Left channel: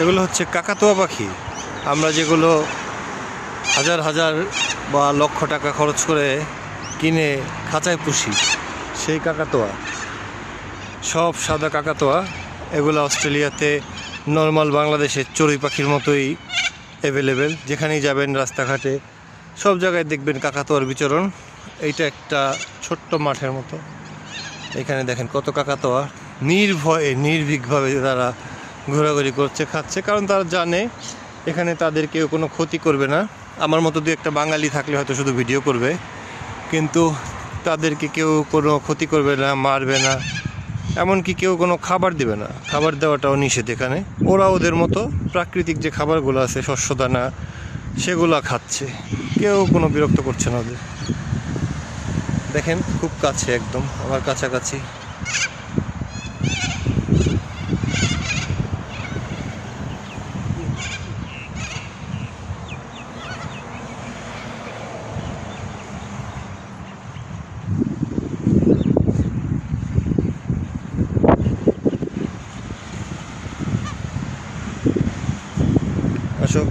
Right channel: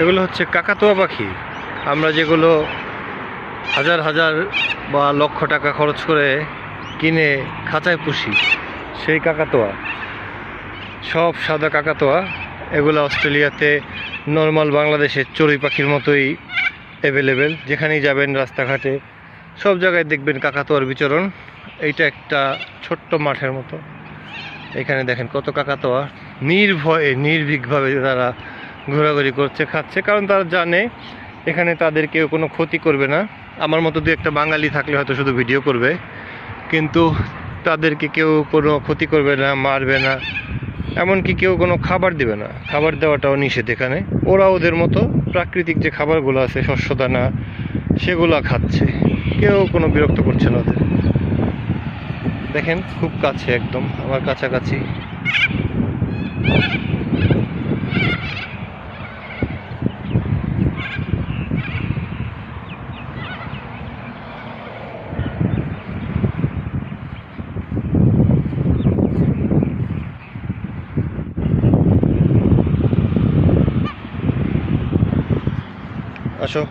এগুলো হচ্ছে কাকাতুয়া পাখি। আমরা যেগুলো হাজার হাজার বা লক্ষ টাকা খরচ করে কিনে খাঁচায় পুষি, সেই কাকাতুয়া, সব সাদা কাকাতুয়া। এগুলো অস্ট্রেলিয়াতে নর্মাল বাংলাদেশের চড়ুই পাখির মতোই অ্যাভেলেবেল। যেখানেই যাবেন রাস্তাঘাটে সব জায়গায় দেখবেন কাকাতুয়ার বিচরণ। এইটা একটা ছোট্ট মাঠের মতো, এখানে দেখেন কত কাকাতুয়া নির্ভয়ে নির্ভীকভাবে তারা ঘোরাঘুরি করছে, খাচ্ছে, কারণ তারা জানে এখানে তাদের কেউ কোনো ক্ষতি করবে না। আমার মতো দু একটা বাঙালি থাকলে হয়তো শুধু ভিডিও করবে, কিন্তু তাদেরকে কেউ কোনো ক্ষতি করবে না, মারবে না, এমনকি কেউ কোনো খাবার দেবে না। খাবার দেওয়াটাও নিষেধ এখানে। ওরা ওদের মতো প্রাকৃতিক যে খাবারগুলো আছে, শস্যদানা, সেগুলো খাচ্ছে। কেউ কোনো বিরক্ত করছে না ওদের। দেখেন খুব কাছে, একদম আমার কাছাকাছি। আসো।